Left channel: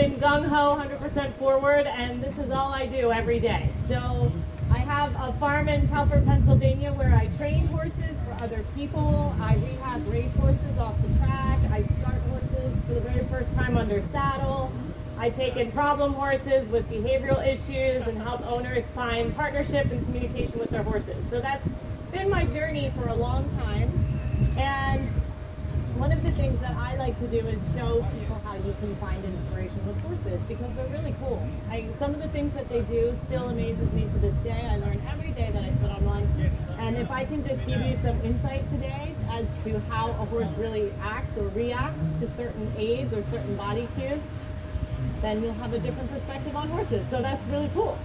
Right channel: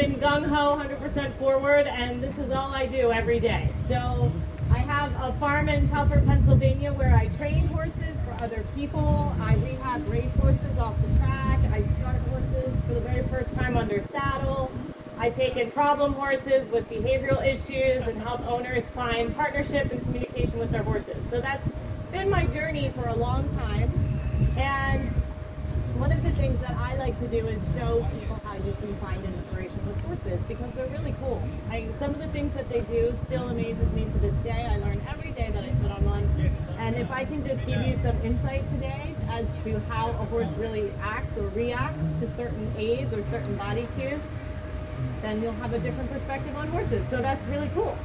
been gung-ho, 100% forward, and this is all I do every day. So I have a farm in Telford, Pennsylvania, where I train horses for other people. I rehab race horses off the track. I start horses for the very first time under saddle. I take in problem horses with behavioral issues and help owners find partnership and communication with their horses. So that's been my journey for a long time. And one of the things that I like to do is show people how you can find inspiration with horses, because they're really cool. Some of the things that they do still amazes me to this day. I learn every day that I sit on one. And if I can just give you some insight today as to how a horse really acts or reacts to certain aids or certain body cues, then you'll have a different perspective on horses. So that's really cool.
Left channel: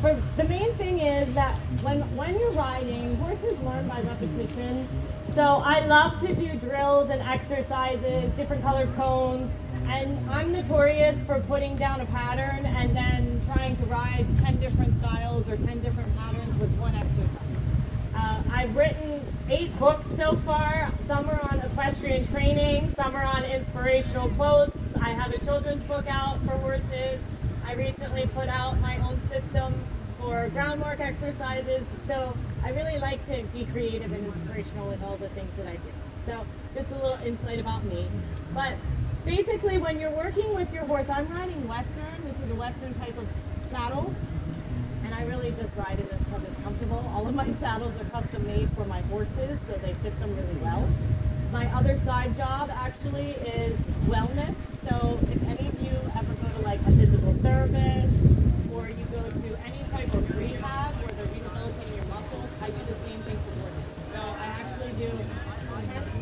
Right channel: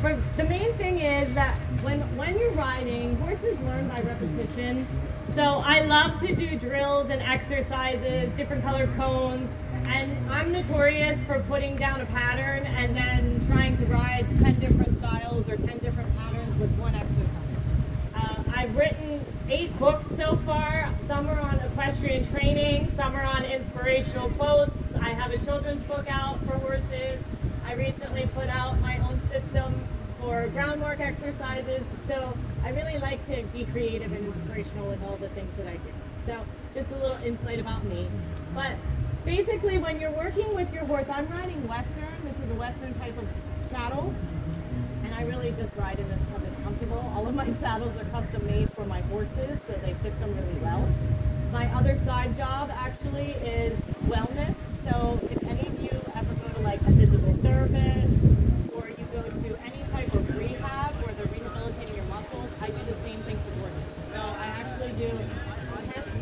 For the main thing is that when you're riding, horses learn by repetition. So I love to do drills and exercises, different color cones, and I'm notorious for putting down a pattern and then trying to ride 10 different styles or 10 different patterns with one exercise. I've written 8 books so far. Some are on equestrian training, some are on inspirational quotes. I have a children's book out for horses. I recently put out my own system for groundwork exercises. So I really like to be creative and inspirational with all the things that I do. So just a little insight about me. But basically, when you're working with your horse, I'm riding Western. This is a Western type of saddle. And I really just ride in this because it's comfortable. All of my saddles are custom made for my horses, so they fit them really well. My other side job actually is wellness. So if any of you ever go to like a physical therapist, or you go to any type of rehab where they're rehabilitating your muscles, I do the same thing for horses. So I actually do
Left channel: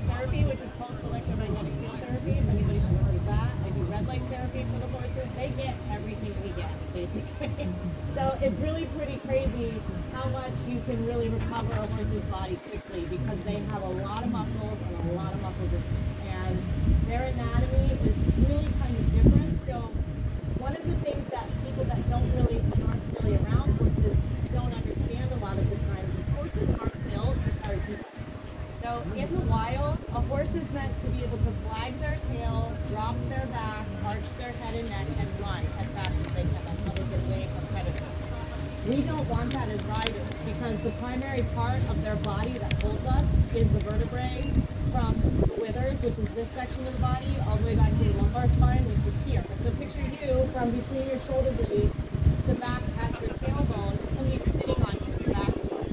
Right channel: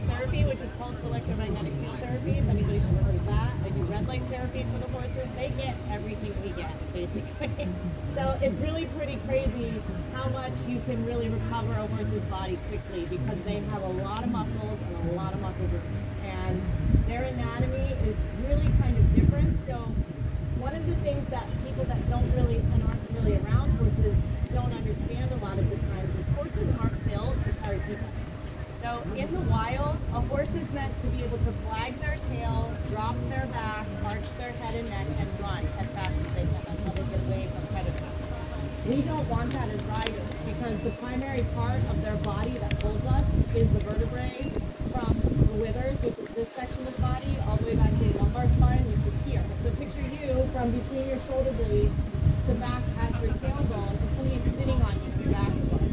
therapy, which is pulsed electromagnetic field therapy, if anybody's familiar with that. I do red light therapy for the horses. They get everything we get, basically. So it's really pretty crazy how much you can really recover a horse's body quickly, because they have a lot of muscles and a lot of muscle groups. And their anatomy is really kind of different. So one of the things that people that don't really and aren't really around horses don't understand a lot of the times is horses aren't built to carry people. So in the wild, a horse is meant to be able to flag their tail, drop their back, arch their head and neck, and run as fast as they can. That's how they get away from predators. We don't want that as riders, because the primary part of their body that holds us is the vertebrae from the withers, which is this section of the body, all the way back to the lumbar spine, which is here. So picture you from between your shoulder blades to back at your tailbone, and somebody's sitting on you with your back approach.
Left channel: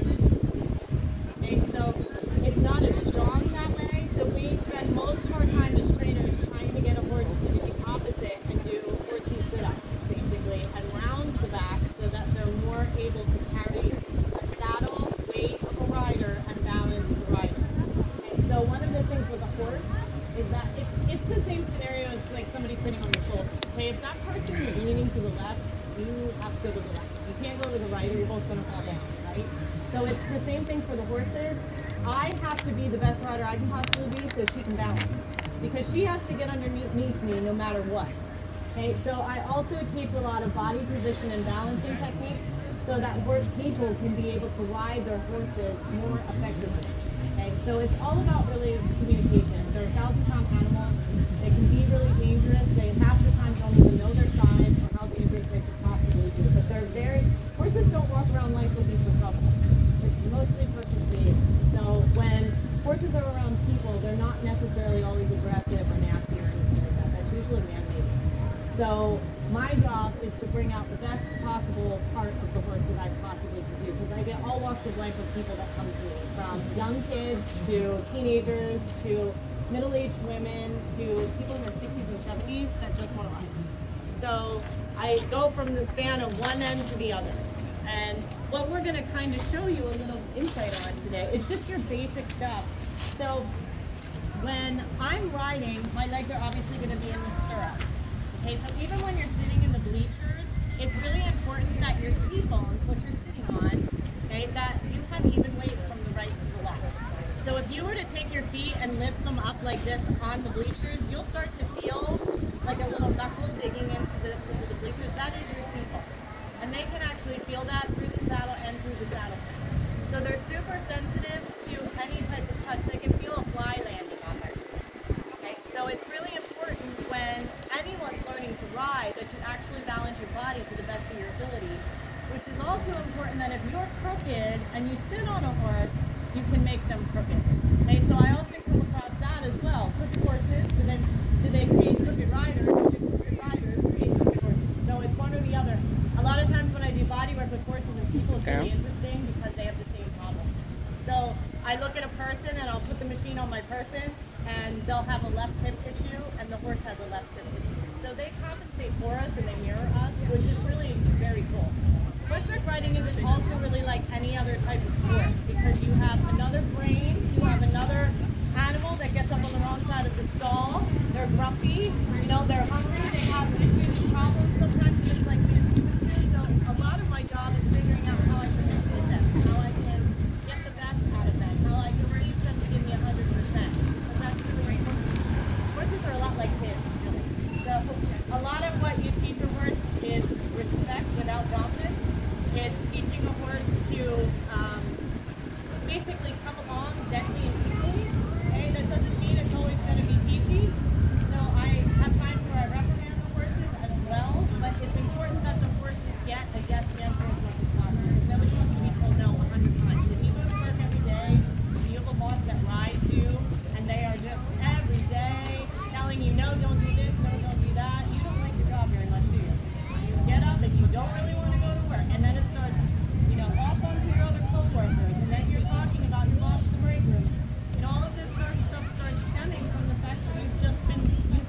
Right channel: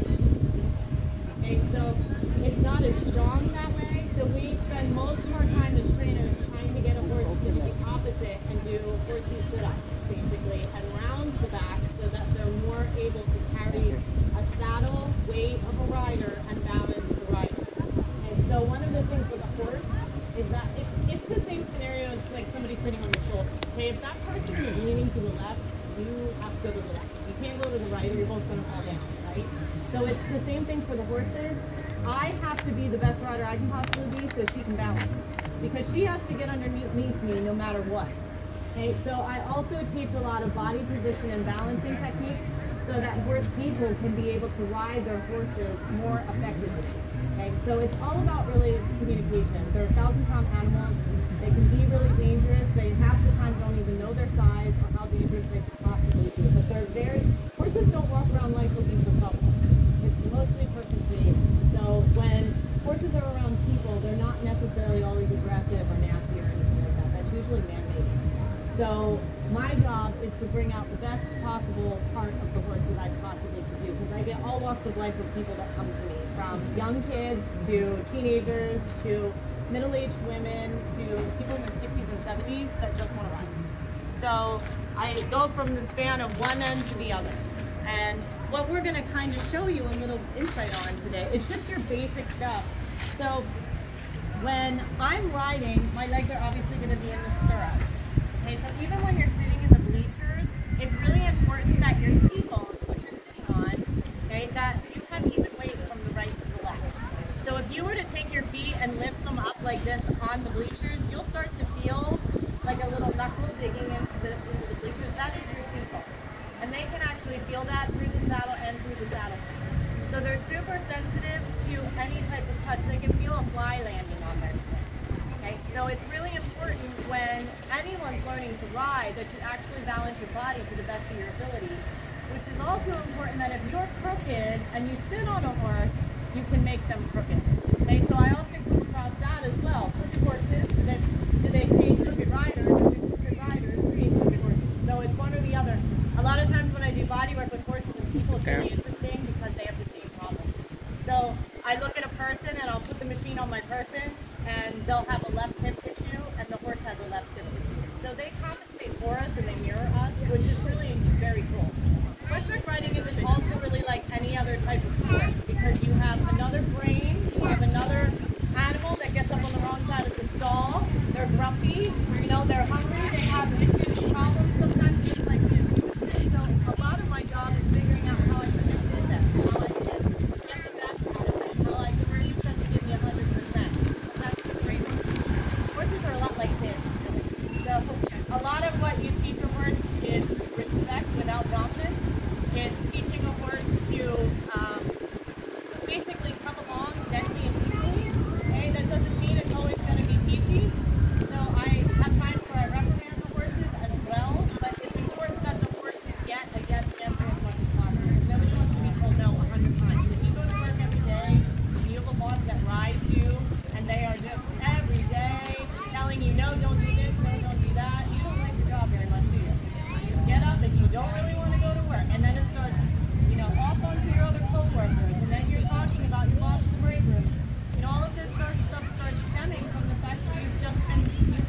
Okay, so it's not as strong that way, so we spend most of our time as trainers trying to get a horse to do the opposite and do horsey sit-ups, basically, and round the back so that they're more able to carry a saddle, weight of a rider, and balance the rider. And so one of the things with a horse is that it's the same scenario as like somebody sitting on your shoulder. Okay, if that person is leaning to the left, you have to go to the left. You can't go to the right or you're both going to fall down, right? So it's the same thing for the horses. I have to be the best rider I can possibly be so she can balance, because she has to get underneath me no matter what. Okay, so I also teach a lot of body position and balancing techniques so that horse people can be able to ride their horses more effectively. Okay, so it's all about really communication. They're 1,000-pound animals. They can be really dangerous. They half the time don't even know their size or how dangerous they could possibly be. But horses don't walk around life looking for trouble. It's mostly person created. So when horses are around people, they're not necessarily always aggressive or nasty or anything like that. That's usually man-made. So my job is to bring out the best possible part of the horse that I possibly can do, because I get all walks of life of people that come to me, from young kids to teenagers to middle-aged women to people in their 60s and 70s that just want to ride. So I go from the span of one end to the other. And what we're going to kind of show you a little insight on today is just your basic stuff. So when I'm riding, my legs are obviously going to be in the stirrups. Okay, so even when you're sitting in the bleachers, it's really important that your seat bones, what you're sitting on, okay, that you have even weight from the right to the left. So if you were to take your feet and lift them up like this on the bleachers, you'll start to feel like a little knuckle digging into the bleachers. That is your seat bone. And they can actually feel that through the saddle and through the saddle. So they're super sensitive to any type of touch. They can feel a fly landing on their skin. Okay, so it's really important when anyone's learning to ride, that you actually balance your body to the best of your ability. Which is also important that if you're crooked and you sit on a horse, you can make them crooked. Okay, so I often come across that as well. Crooked horses, and then do they create crooked riders, or do crooked riders create crooked horses? So it's one or the other. A lot of times when I do body work with horses and people, it's really interesting because they have the same problems. So I look at a person and I'll put the machine on my person and they'll have a left hip issue and the horse has a left hip issue. So they compensate for us and they mirror us, which is really very cool. Horseback riding isn't also really like any other type of sport because you have another brain, you have another animal that gets up on the wrong side of the stall, they're grumpy, you know, they're hungry, they have issues, problems sometimes just like this. So a lot of my job is figuring out how I can connect with them, how I can get the best out of them, how I can teach them to give me 100%. But that's really important. Horses are a lot like kids, really. So a lot of what you teach a horse is respect without dominance. It's teaching a horse to basically come along gently and peacefully. Okay? That doesn't mean it's always going to be peachy. So I have times where I reprimand the horses as well, but it's important that the horses get a yes answer as much as possible because nobody wants to be told no 100 times. If you go to work every day, if you have a boss that rides you, and they are just every day telling you, no, don't do this, no, don't do that, you don't like your job very much, do you? You get up and you don't really want to go to work, and then it starts, you know, off onto your other co-workers, and then you're talking about your boss in the break room. And all of this sort of stuff starts stemming from the fact that you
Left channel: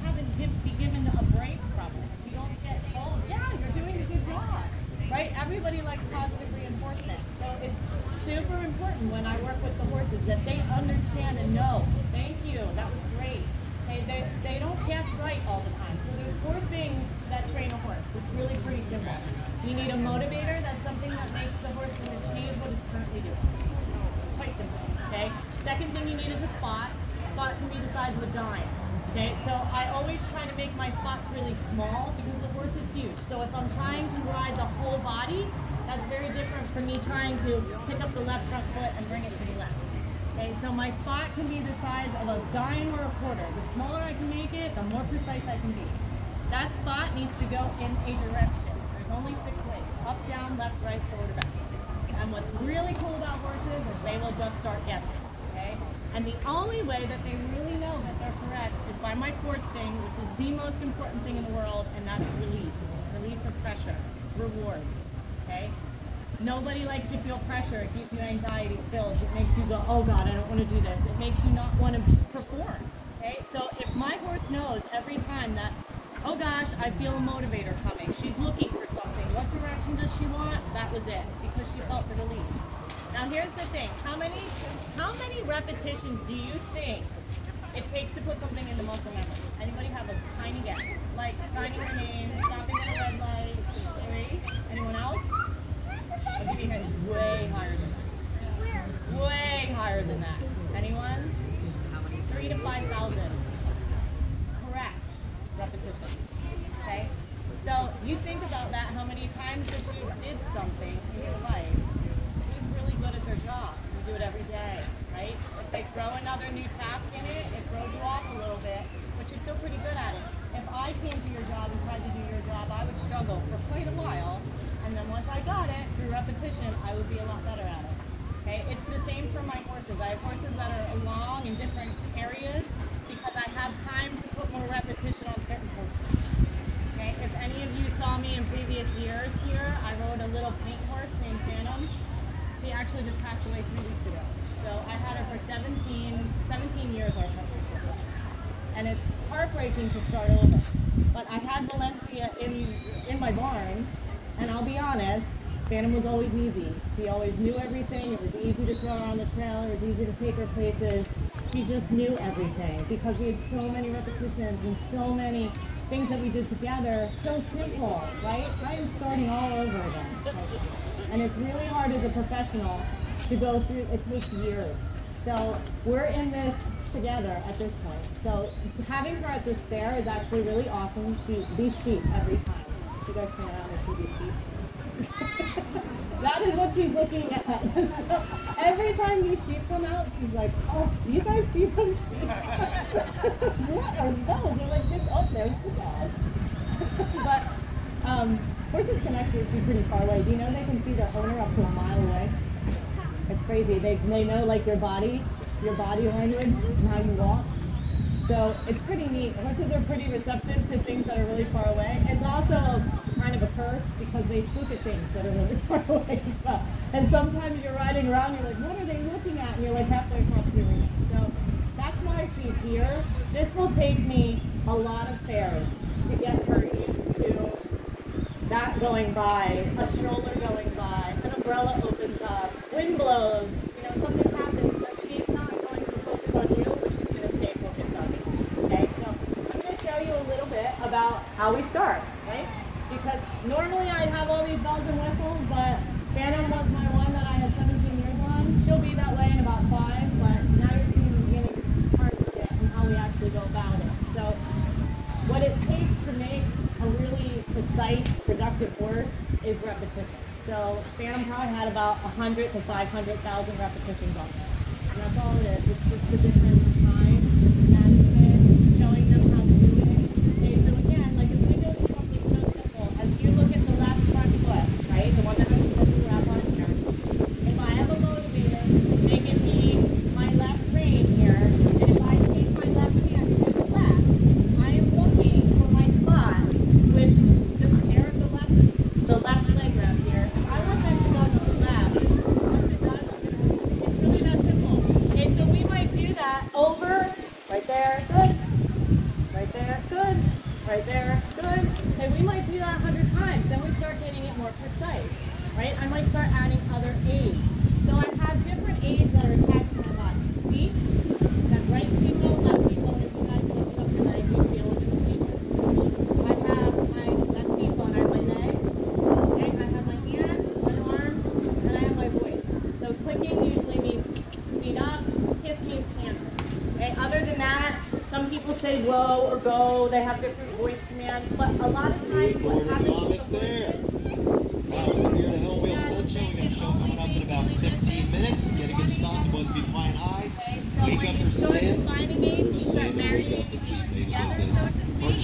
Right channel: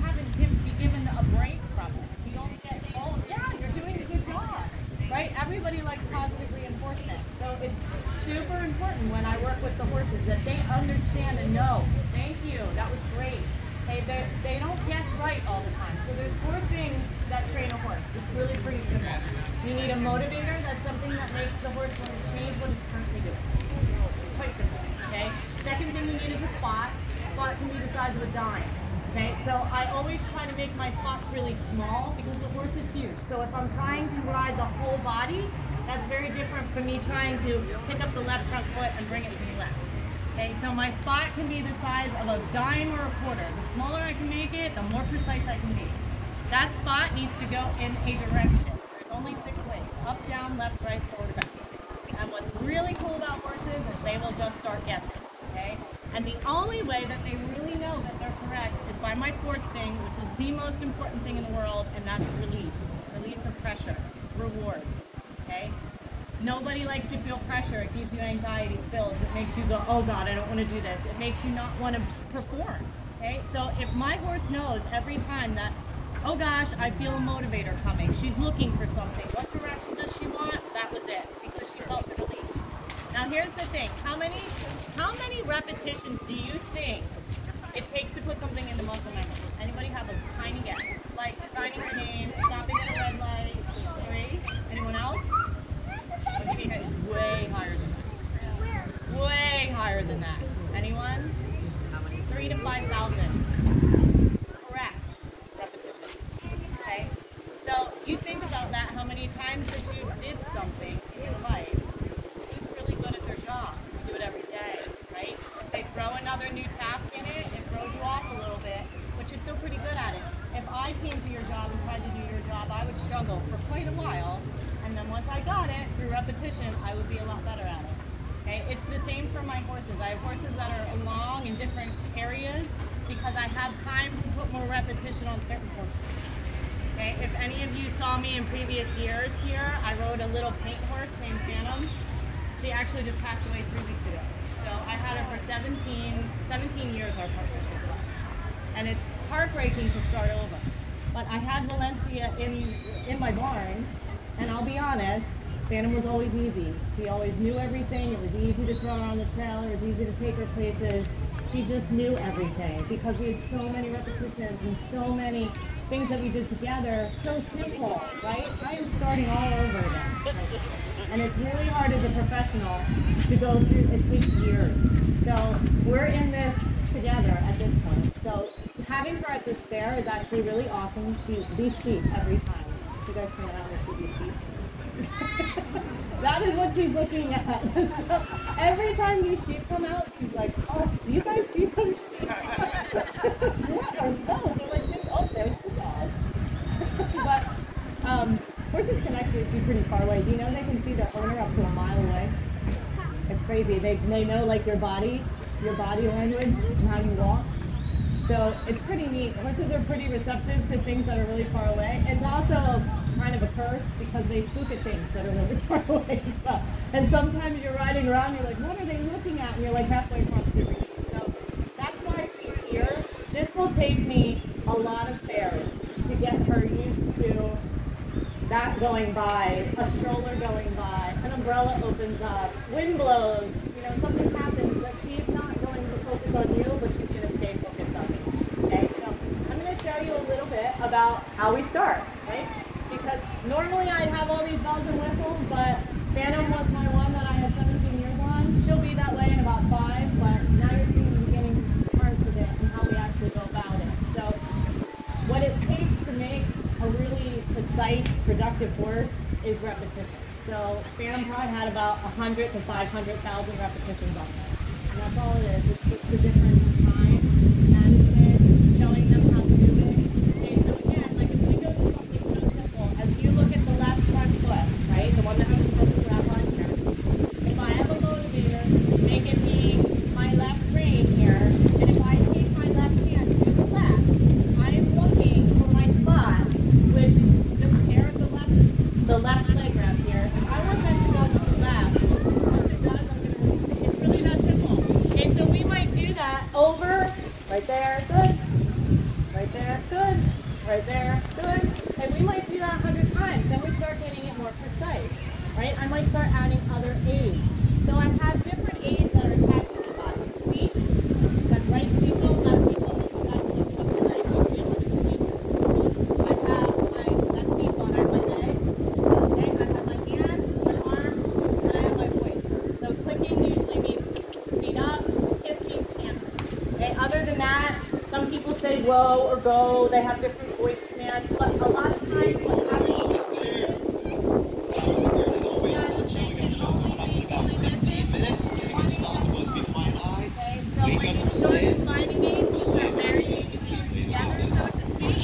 haven't been given a break from it. You don't get, oh, yeah, you're doing a good job, right? Everybody likes positive reinforcement. So it's super important when I work with the horses that they understand and know, thank you, that was great. Hey, they don't guess right all the time. So there's 4 things that train a horse. It's really pretty simple. You need a motivator. That's something that makes the horse want to change what it's currently doing. Quite simple, okay? Second thing you need is a spot. Spot can be the size of a dime, okay? So I always try to make my spots really small because the horse is huge. So if I'm trying to ride the whole body, that's very different from me trying to pick up the left front foot and bring it to the left. Okay, so my spot can be the size of a dime or a quarter. The smaller I can make it, the more precise I can be. That spot needs to go in a direction. There's only 6 ways: up, down, left, right, forward, or back. And what's really cool about horses is they will just start guessing, okay? And the only way that they really know that they're correct is by my 4th thing, which is the most important thing in the world, and that's release. Release of pressure, reward, okay? Nobody likes to feel pressure. It gives you anxiety, it builds. It makes you go, oh God, I don't want to do this. It makes you not want to perform, okay? So if my horse knows every time that, oh gosh, I feel a motivator coming. She's looking for something. What direction does she want? That was it, because she felt the release. Now here's the thing. How many repetitions do you think it takes to put something into muscle memory? Anybody have a tiny guess? Like signing your name, stopping at a red light, 3. Anyone else? I'll give you a hint. Way higher than that. Way higher than that. Anyone? 3 to 5,000. Correct. Repetition. Okay? So you think about that, how many times that you did something in your life. Who's really good at their job? You do it every day, right? If they throw another new task in it, it throws you off a little bit, but you're still pretty good at it. If I came to your job and tried to do your job, I would struggle for quite a while, and then once I got it, through repetition, I would be a lot better at it. Okay? It's the same for my horses. I have horses that are along in different areas because I have time to put more repetition on certain horses. Okay? If any of you saw me in previous years here, I rode a little paint horse named Phantom. She actually just passed away 3 weeks ago. So I had her for 17 years, our partnership. And it's heartbreaking to start over. But I had Valencia in my barn, and I'll be honest, Phantom was always easy. She always knew everything. It was easy to throw her on the trailer. It was easy to take her places. She just knew everything because we had so many repetitions and so many things that we did together. So simple, right? I am starting all over again. And it's really hard as a professional to go through. It takes years. So we're in this together at this point. So having her at this fair is actually really awesome. These sheep every time. You guys turn around and see these sheep. That is what she's looking at. So every time these sheep come out, she's like, oh, do you guys see those sheep? What are those? They're like, oh, there's the dog. actually see pretty far away. Do you know they can see their owner up to a mile away? It's crazy. They know like your body language and how you walk. So it's pretty neat. Horses are pretty receptive to things that are really far away. It's also kind of a curse because they spook at things that are really far away as well. And sometimes you're riding around, you're like, what are they looking at? And you're like halfway across the arena. So that's why she's here. This will take me a lot of fairs to get her used to that going by, a stroller going by, an umbrella opens up, wind blows, you know, something happens, but she's not going to focus on you, but she's going to stay focused on me. Okay, so I'm going to show you a little bit about how we start, right? Because normally I'd have all these bells and whistles, but Phantom was my one that I had 17 years on. She'll be that way in about 5, but now you're seeing the beginning parts of it and how we actually go about it. So what it takes to make a really precise, productive horse is repetition. So Phantom probably had about 100 to 500,000 repetitions on her. And that's all it is. It's just the difference in time, management, showing them how to do it. Okay, so again, like if we go to something so simple, as you look at the left front foot, right, the one that has the purple wrap on here, if I have a motivator, they give me my left rein here, and if I take my left hand to the left, I am looking for my spot, which just here at the left leg wrap here. If I want them to go to the left, once it does, it's really that simple. Okay, so we might do that over, right there, good, right there, good, right there, good. And we might do that 100 times. Then we start getting it more precise, right? I might start adding other aids. So I have different aids that are attached to my body. See? That's right sequel, left sequel, that's the couple legs you feel in the sequel. I have my left sequel on my leg. Okay, I have my hands, my arms, and I have my voice. So clicking usually means speed up, kiss means answer. Okay, other than that, some people say whoa or go, they have different voice commands, but a lot of times what happens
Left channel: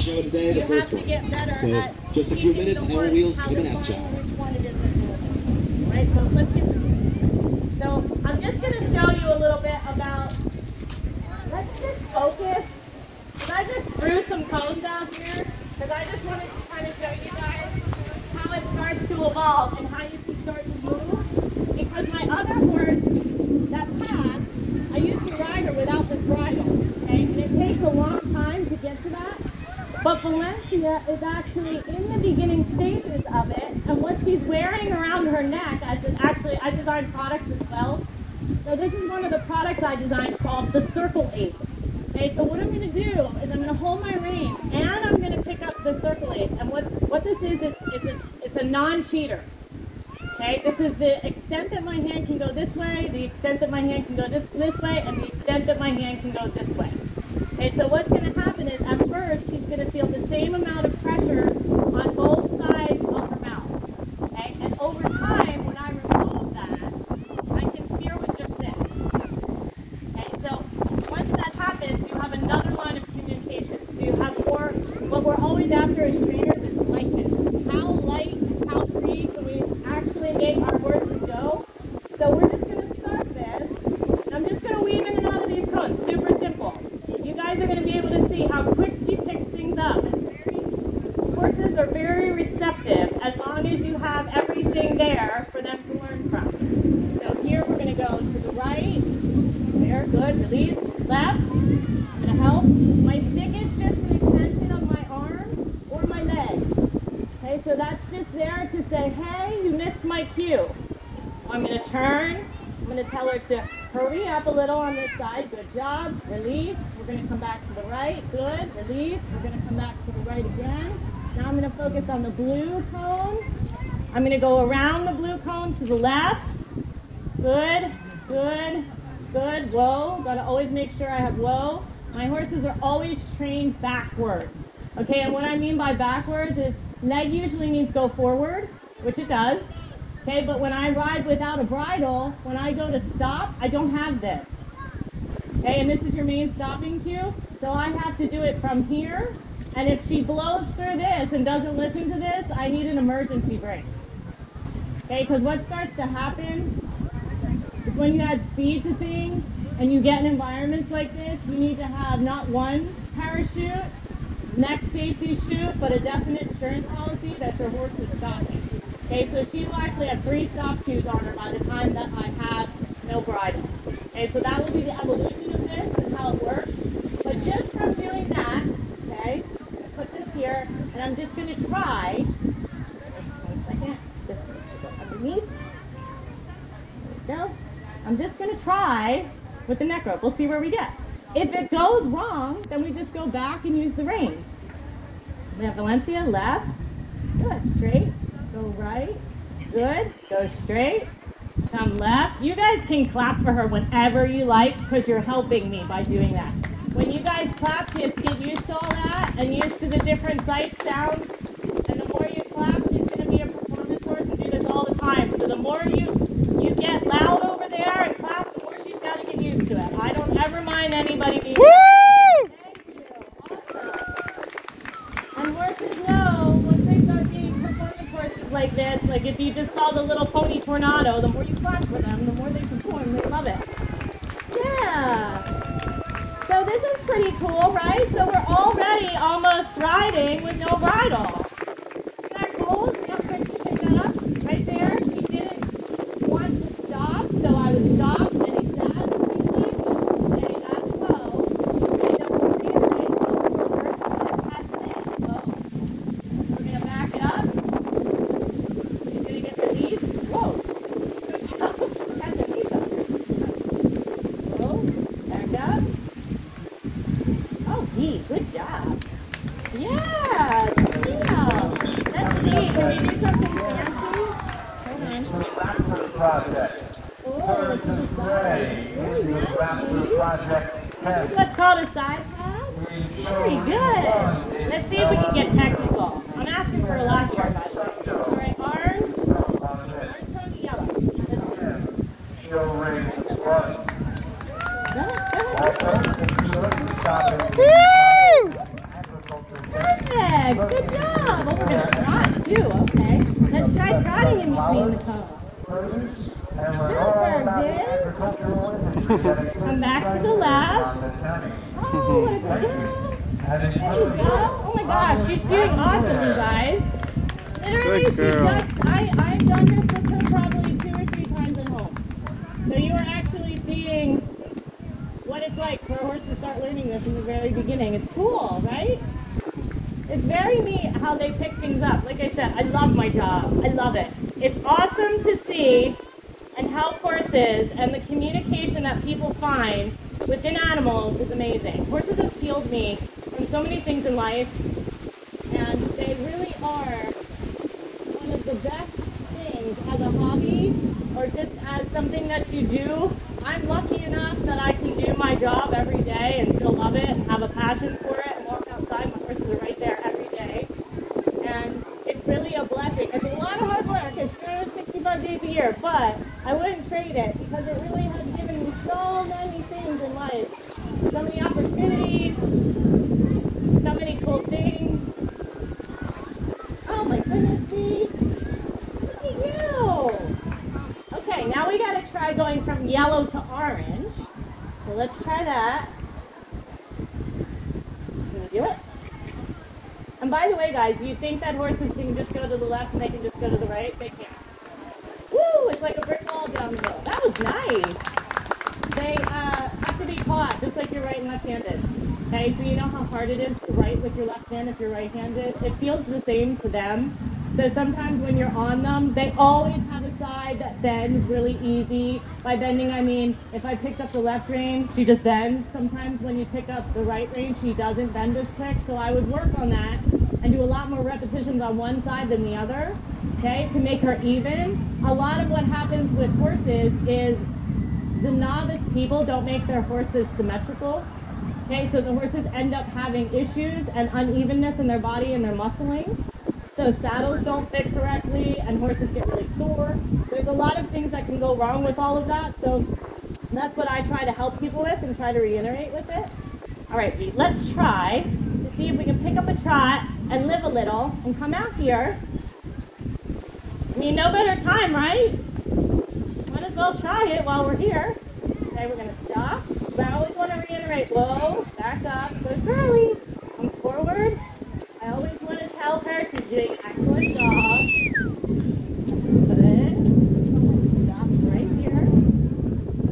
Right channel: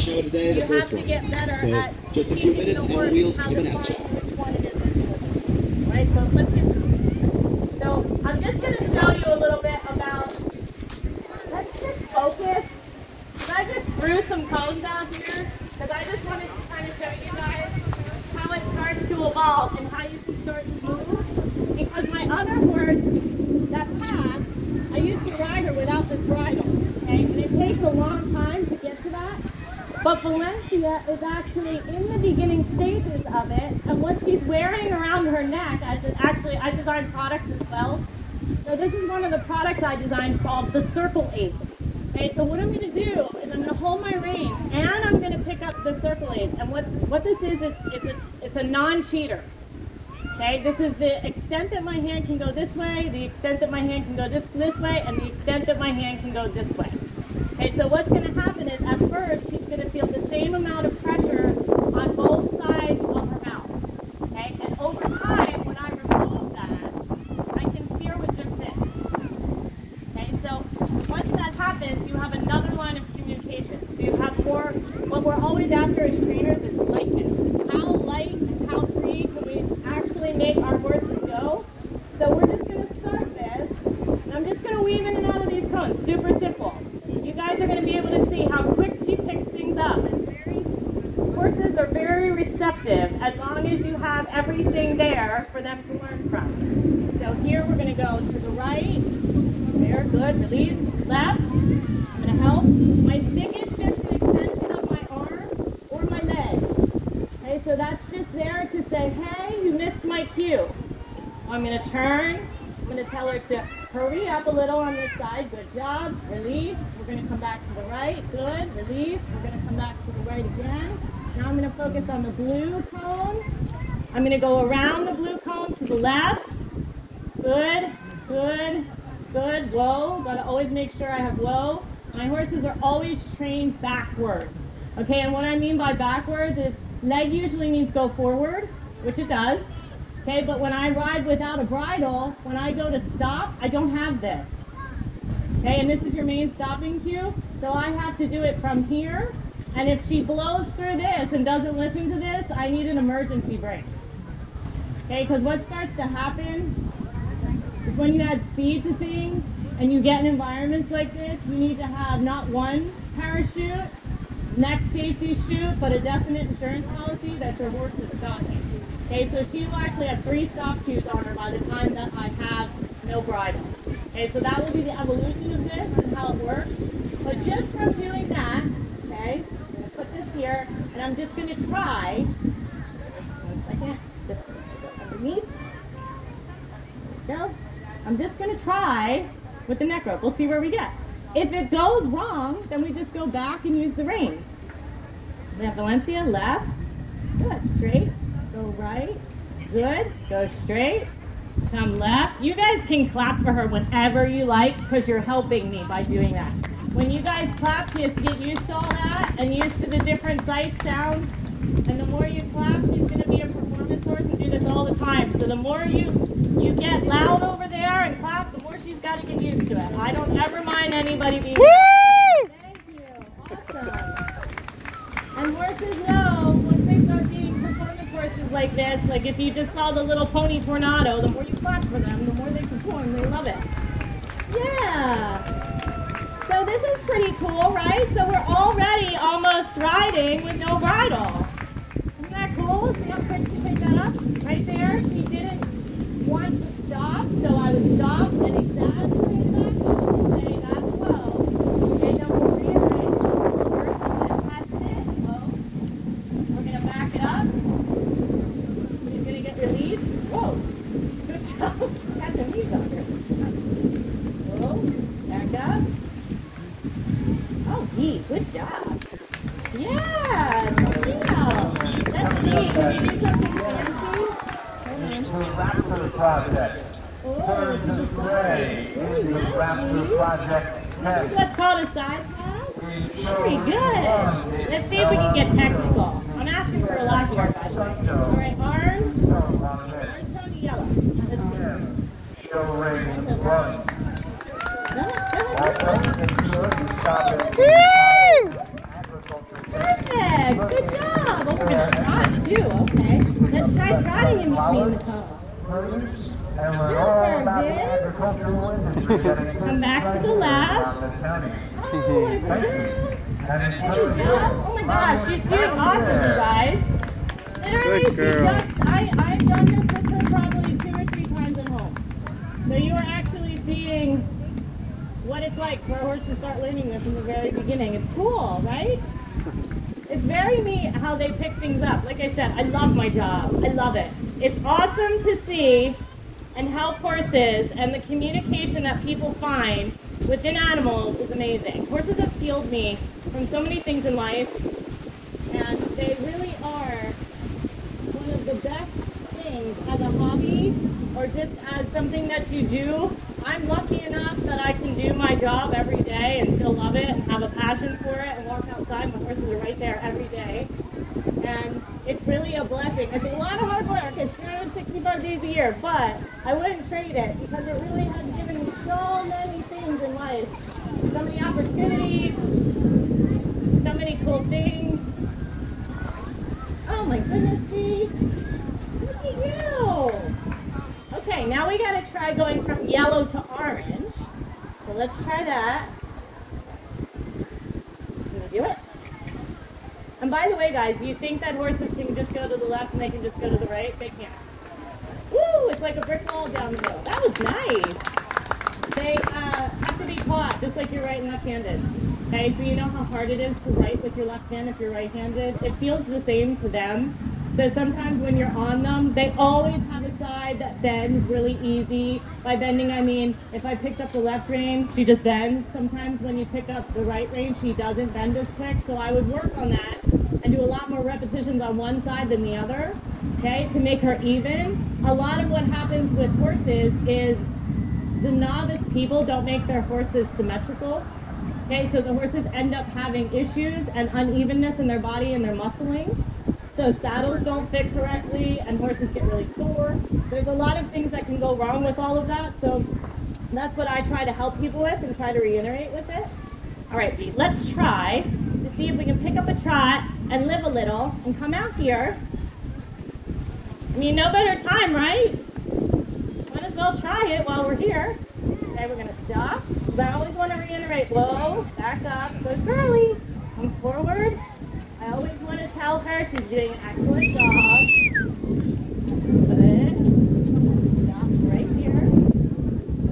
show today, the first one. So just a few minutes and the wheels coming at you. Right, so let's get to it. So I'm just going to show you a little bit about, let's just focus. I just threw some cones out here because I just wanted to kind of show you guys how it starts to evolve and how you can start to move. Because my other horse, that passed, I used to ride her without this bridle, okay? And it takes a long time to get to that. But Valencia is actually in the beginning stages of it, and what she's wearing around her neck, I designed products as well. So this is one of the products I designed called the Circle 8. Okay, so what I'm going to do is I'm going to hold my rein, and I'm going to pick up the Circle 8. And what this is, it's a non-cheater. Okay, this is the extent that my hand can go this way, the extent that my hand can go this way, and the extent that my hand can go this way. Okay, so what's going to happen is at first she's going to feel the same amount of pressure on both sides of her mouth. Okay, and over time, when I remove that, I can steer with just this. Okay, so once that happens, you have another line of communication. So you have more, what we're always after as trainers is lightness. How light and how free can we actually make our horses go? So we're just going to start this, and I'm just going to weave in and out of these cones. Super simple. You guys are going to be able to see how quick she picks things up. Horses are very receptive as long as you have everything there for them to learn from. So here we're going to go to the right. There, good. Release. Left. I'm going to help. My stick is just an extension of my arm or my leg. Okay, so that's just there to say, hey, you missed my cue. I'm going to turn. I'm going to tell her to hurry up a little on this side. Good job. Release. We're going to come back to the right. Good. Release. We're going to come back to the right again. Now I'm going to focus on the blue cone. I'm going to go around the blue cone to the left. Good. Good. Good. Whoa. Got to always make sure I have whoa. My horses are always trained backwards. Okay, and what I mean by backwards is leg usually means go forward, which it does. Okay, but when I ride without a bridle, when I go to stop, I don't have this. Okay, and this is your main stopping cue. So I have to do it from here. And if she blows through this and doesn't listen to this, I need an emergency brake. Okay, because what starts to happen is when you add speed to things and you get in environments like this, you need to have not one parachute, next safety chute, but a definite insurance policy that your horse is stopping. Okay, so she will actually have 3 stop chutes on her by the time that I have no bridle. Okay, so that will be the evolution of this and how it works. But just from doing that, okay, I'm going to put this here, and I'm just going to try, one second, this needs to go underneath. There we go. I'm just going to try with the neck rope. We'll see where we get. If it goes wrong, then we just go back and use the reins. We have Valencia, left, good, straight, go right, good, go straight, come left. You guys can clap for her whenever you like because you're helping me by doing that. When you guys clap, she has to get used to all that and used to the different sight sounds. And the more you clap, she's going to be a performance horse and do this all the time. So the more you get loud over there and clap, the more she's got to get used to it. I don't ever mind anybody being loud. Thank you. Awesome. And horses know once they start being performance horses like this, like if you just saw the little pony tornado, the more you clap for them, the more they perform. They love it. Yeah. So this is pretty cool, right? So we're already almost riding with no bridle. Isn't that cool? See how quick she picked that up? Right there. She didn't want to stop, so I would stop and exactly say that's slow. And then we'll reiterate the first that's it. Whoa. We're going to back it up. She's going to get released. Whoa. Good job. Got the knees up. Whoa. Back up. Oh, neat. Good job. Yeah, check it out. That's neat. Can you do something fancy? Hold on. Raptor Project. Oh, Birds this of is Prey. really This is nice. Raptor Project This 10. is what's called a side pass? Very good. Let's see if we can get technical. I'm asking for a lot here, by the way. All right, orange. Orange, pony, yellow. Let's see. Show ring run. Go ahead. Also, if you look at shopping, Perfect. Good job. Oh, we're going to trot, too. Okay. Let's try trotting in between the toe. produce, and we're all about the agricultural industry. Come back to the left. Oh, my God. There you go. Oh my gosh, she's doing awesome, you guys. Literally, Good girl. I've done this with her probably 2 or 3 times at home. So you are actually seeing what it's like for a horse to start learning this in the very beginning. It's cool, right? It's very neat how they pick things up. Like I said, I love my job. I love it. It's awesome to see and help horses, and the communication that people find within animals is amazing. Horses have healed me from so many things in life, and they really are one of the best things as a hobby or just as something that you do. I'm lucky enough that I can do my job every day and still love it and have a passion for it and walk outside. My horses are right there every day. And it's really a blessing. It's a lot of hard work. It's 365 days a year, but I wouldn't trade it because it really has given me so many things in life. So many opportunities, so many cool things. Oh my goodness, Steve. Look at you. Okay, now we gotta try going from yellow to orange. So let's try that. Can we do it? And by the way, guys, you think that horses can just go to the left and they can just go to the right? They can't. Woo! It's like a brick wall down the hill. That was nice. They have to be taught, just like you're right and left-handed. Okay, so you know how hard it is to write with your left hand if you're right-handed? It feels the same to them. So sometimes when you're on them, they always have a side that bends really easy. By bending, I mean, if I picked up the left rein, she just bends. Sometimes when you pick up the right rein, she doesn't bend as quick. So I would work on that and do a lot more repetitions on one side than the other, okay, to make her even. A lot of what happens with horses is the novice people don't make their horses symmetrical. Okay, so the horses end up having issues and unevenness in their body and their muscling. So saddles don't fit correctly and horses get really sore. There's a lot of things that can go wrong with all of that. So that's what I try to help people with and try to reiterate with it. All right, Pete, let's try to see if we can pick up a trot and live a little and come out here. I mean, no better time, right? Might as well try it while we're here. Okay, we're gonna stop. But I always want to reiterate, whoa, back up, go Charlie, come forward. I always want to tell her she's doing an excellent job. Good. Stop right here.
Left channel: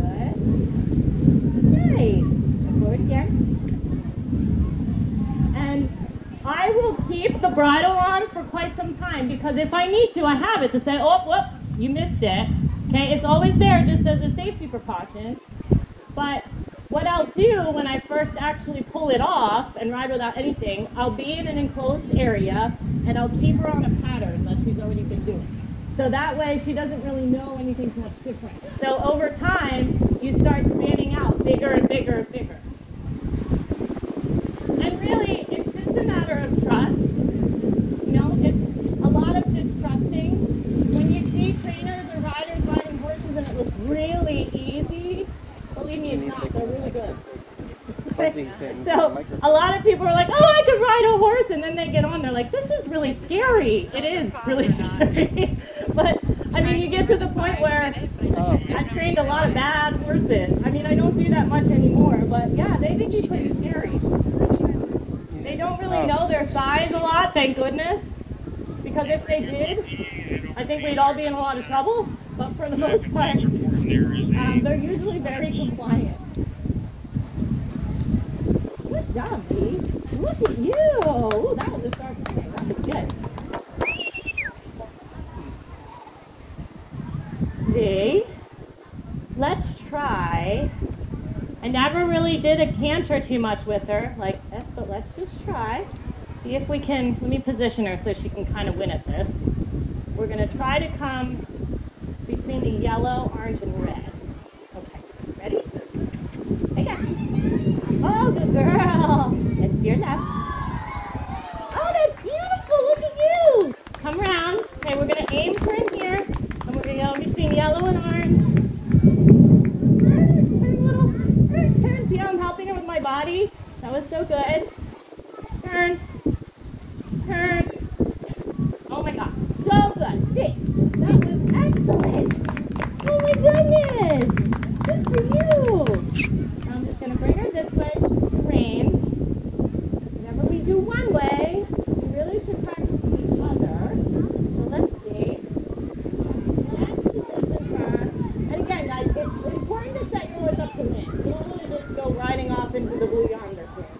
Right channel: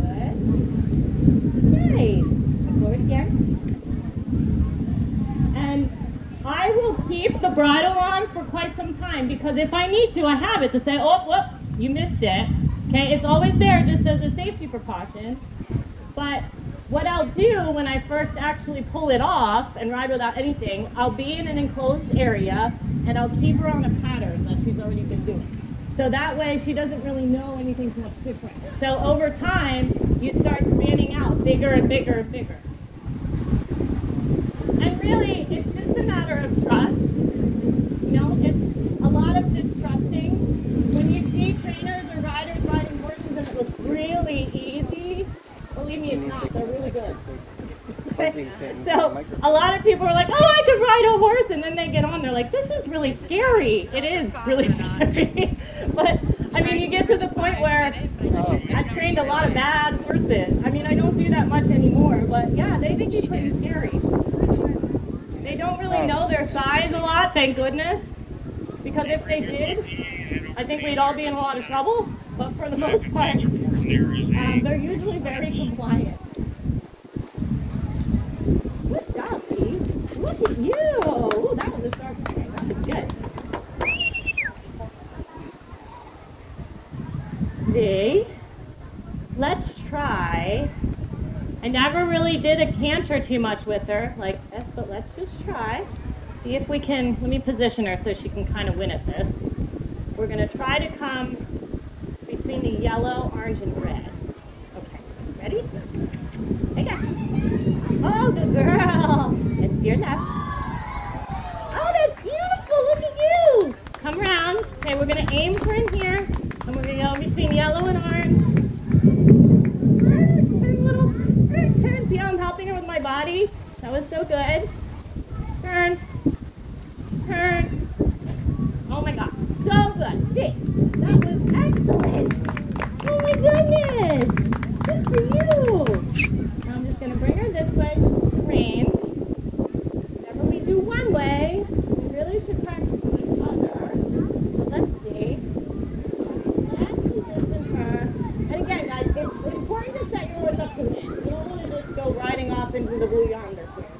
Good. Nice. Forward again. And I will keep the bridle on for quite some time because if I need to, I have it to say, oh, whoop, you missed it. Okay, it's always there just as a safety precaution. But what I'll do when I first actually pull it off and ride without anything, I'll be in an enclosed area and I'll keep her on a pattern that she's already been doing. So that way she doesn't really know anything too much different. So over time, you start spanning out bigger and bigger and bigger. And really, it's just a matter of trust. You know, it's a lot of distrusting. When you see trainers or riders riding horses and it looks really easy, believe me, it's not. They're really good. So a lot of people are like, oh, I could ride a horse, and then they get on, they're like, this is really scary. It is really scary. But, I mean, you get to the point where I've trained a lot of bad horses. I mean, I don't do that much anymore, but yeah, they can be pretty scary. They don't really know their size a lot, thank goodness, because if they did, I think we'd all be in a lot of trouble, but for the most part, they're usually very compliant. Good job, Dee. Look at you. Ooh, that was a sharp swing. That was good. Dee, let's try. I never really did a canter too much with her like this, but let's just try. See if we can, let me position her so she can kind of win at this. We're going to try to come between the yellow, orange, and red. Okay, ready? Okay. Oh, good girl. It's your left. Oh, that's beautiful. Look at you. Come around. Okay, we're going to aim for in here. And we're going to go between yellow and orange. Turn little. Turn. See how I'm helping her with my body? That was so good. Turn. Turn. Oh my God. So good. See, that was excellent. Oh my goodness. Good for you. Now I'm just going to bring her this way just with the reins. Whenever we do one way, we really should practice the other. So let's see. Let's position her. And again, guys, it's important to set your horse up to win. You don't want to just go riding off into the blue yonder here.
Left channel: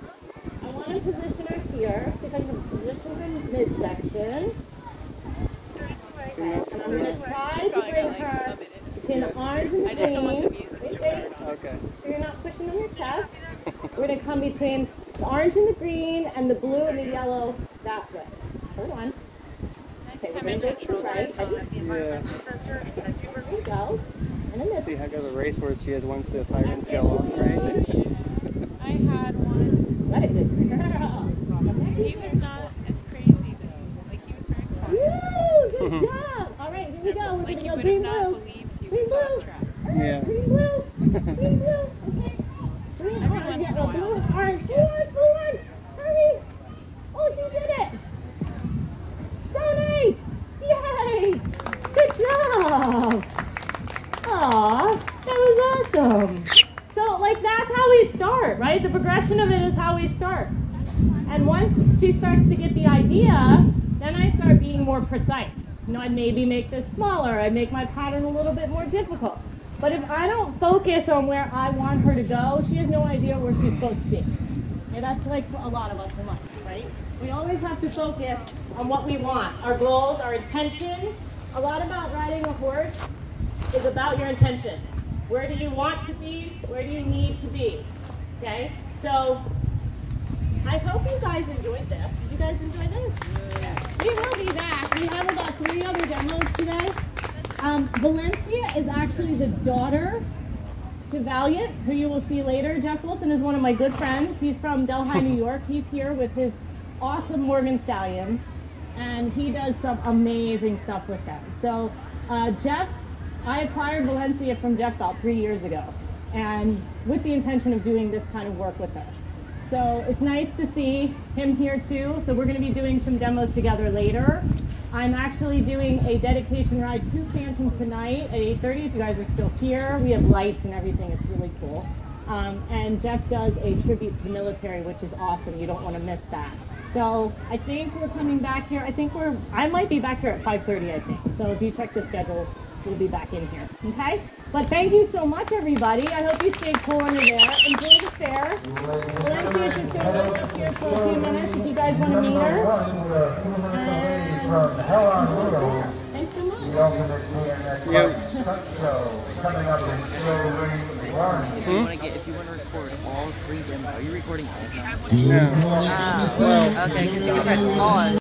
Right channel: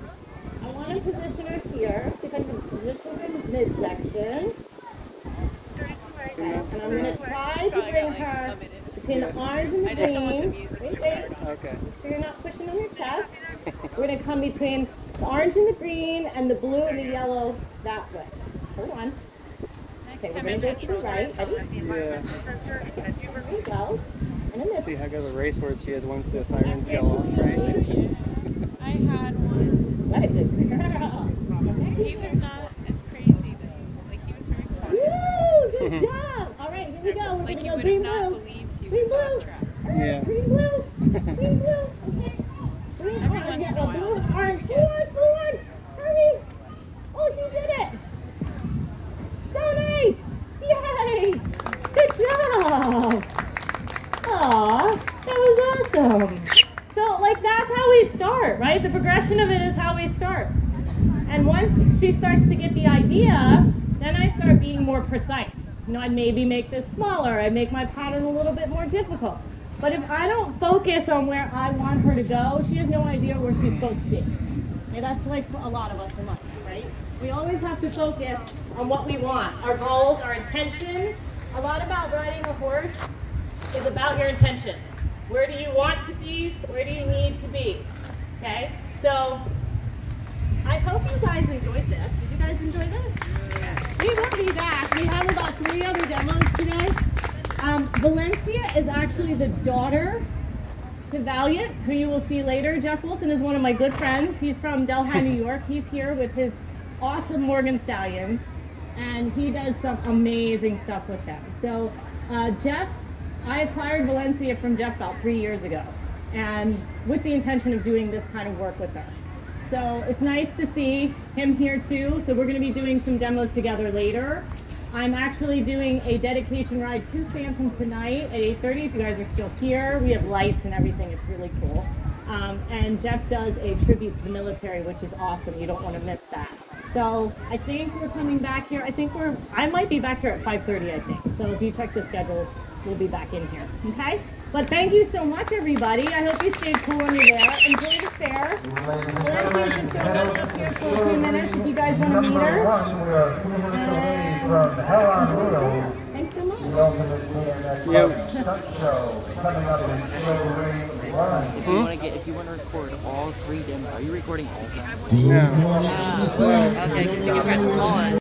I want to position her here. See if I can position her in midsection. And I'm going to try to bring her between the orange and the green. Wait. Okay. So you're not pushing on your chest. We're going to come between the orange and the green and the blue and the yellow that way. Hold on. Okay, we're going to go to the right. Yeah. There we go. And then this. See how good of a racehorse she is once the sirens go off, right? I had one. What a good girl. He was not as crazy though. Like he was very quiet. Woo! Good job. All right, here we go. We're Like going to you go would green, have not blue. believed he Green, was on blue. track. Yeah. Green, blue. Green, blue. Okay. Green, orange. Yeah, no, blue, orange. Blue, orange. Hurry. Oh, she did it. So nice. Yay. Good job. Aw, that was awesome. So, like, that's how we start, right? The progression of it is how we start. And once she starts to get the idea, then I start being more precise. You know, I'd maybe make this smaller. I'd make my pattern a little bit more difficult. But if I don't focus on where I want her to go, she has no idea where she's supposed to be. And that's like for a lot of us in life, right? We always have to focus on what we want. Our goals, our intention. A lot about riding a horse is about your intention. Where do you want to be? Where do you need to be? Okay? So, I hope you guys enjoyed this. Did you guys enjoy this? We will be back. We have about 3 other demos today. Valencia is actually the daughter to Valiant, who you will see later. Jeff Wilson is one of my good friends. He's from Delhi, New York. He's here with his awesome Morgan Stallions, and he does some amazing stuff with them. So, Jeff, I acquired Valencia from Jeff about 3 years ago, and with the intention of doing this kind of work with her. So it's nice to see him here too. So we're going to be doing some demos together later. I'm actually doing a dedication ride to Phantom tonight at 8:30 if you guys are still here. We have lights and everything. It's really cool. And Jeff does a tribute to the military, which is awesome. You don't want to miss that. So I think we're coming back here. I might be back here at 5:30, I think. So if you check the schedule, we'll be back in here. Okay? But thank you so much, everybody. I hope you stayed cool when you're there. Enjoy the fair. Olympia can still wait up here for a few minutes if you guys want to meet her. One, we are 2 minutes away from Hell on Wheels. Thanks so much. The ultimate BMX stunt show coming up in Show Ring 1. If you want to record all 3 demos, are you recording all of them? No. Okay, so press pause.